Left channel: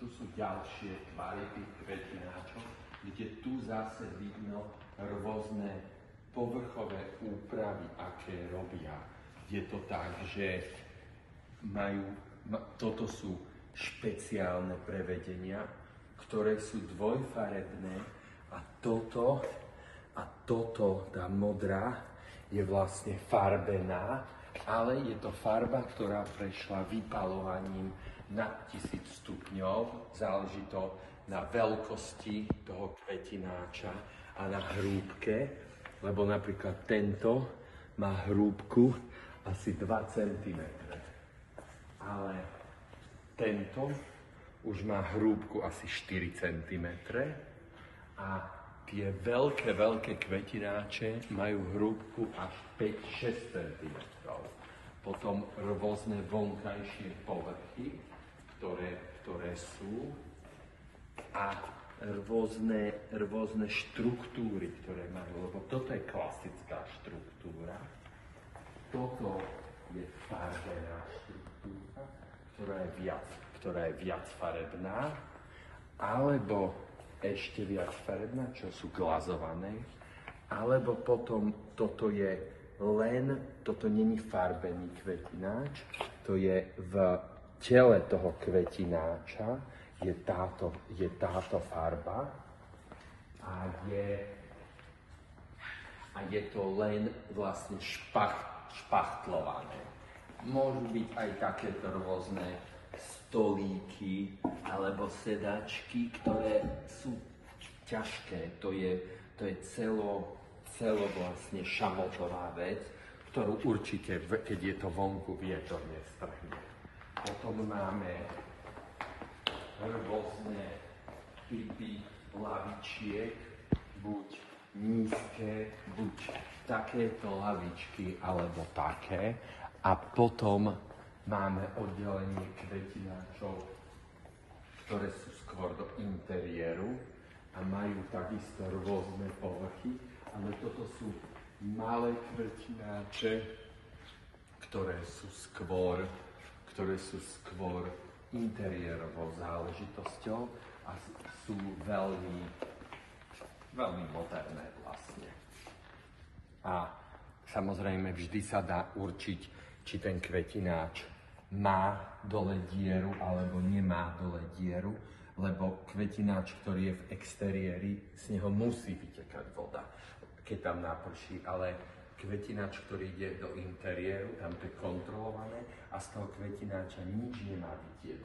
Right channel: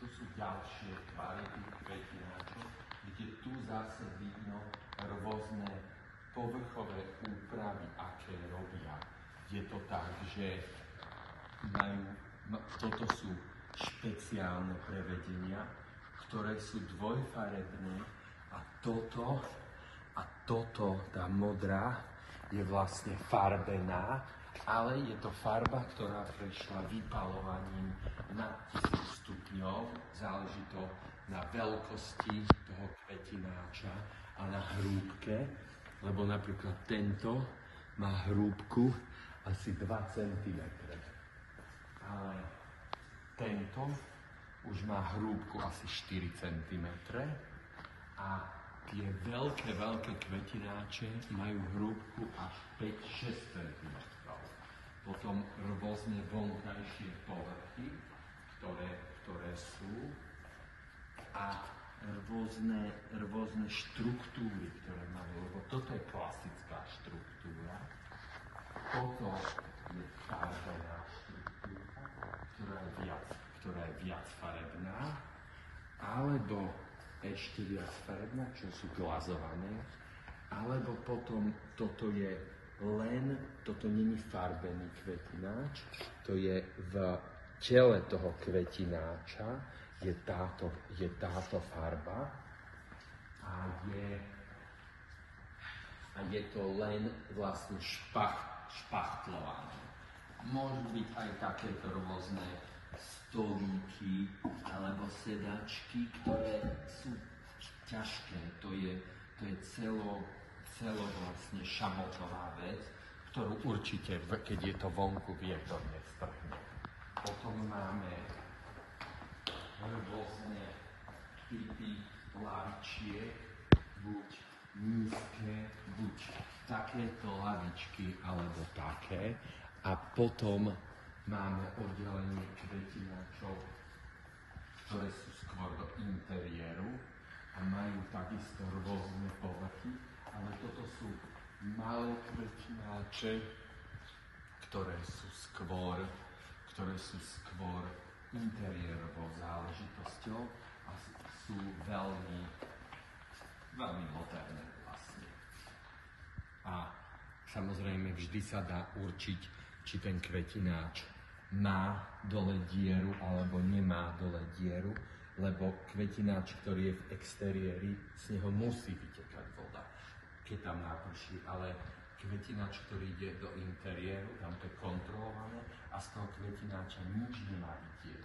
tu sú ďalšie tvary tých kvetináčov, kde tu zase vidno rôzne povrchové úpravy, aké robia. Je to tak, že toto sú špeciálne prevedenia, ktoré sú dvojfarebné a toto, tá modrá, je vlastne farbená, ale je to farba, ktorá prešla vypalovaním na 1000 stupňov. Záleží to na veľkosti toho kvetináča a na hrúbke, lebo napríklad tento má hrúbku asi 2 cm. Ale tento už má hrúbku asi 4 cm a tie veľké kvetináče majú hrúbku až 5-6 cm. Potom rôzne vonkajšie povrchy, ktoré sú a rôzne štruktúry, ktoré majú, lebo toto je klasická štruktúra, toto je farbená štruktúra, ktorá je viac farebná, alebo ešte viac farebná, čo sú glazované, alebo potom toto není farbený kvetináč, to je v tele toho kvetináča, je táto farba a je to len vlastne špachtlované. Môžu byť aj takéto rôzne stolíky alebo sedačky, ktoré sú ťažké. To je celo vlastne šamotová vec, ktorú určite, keď je to vonku, vietor nestrhne. Potom máme rôzne typy lavičiek, buď nízke, buď takéto lavičky, alebo také. A potom máme oddelenie kvetináčov, ktoré sú skôr do interiéru a majú takisto rôzne povrchy, ale toto sú malé kvetináče, ktoré sú skôr interiérovou záležitosťou a sú veľmi moderné vlastne. A samozrejme vždy sa dá určiť, či ten kvetináč má dole dieru alebo nemá dole dieru, lebo kvetináč, ktorý je v exteriéri, z neho musí vytekať voda, keď tam naprší, ale kvetináč, ktorý ide do interiéru, tam to je kontrolované a z toho kvetináča nič nemá vytiecť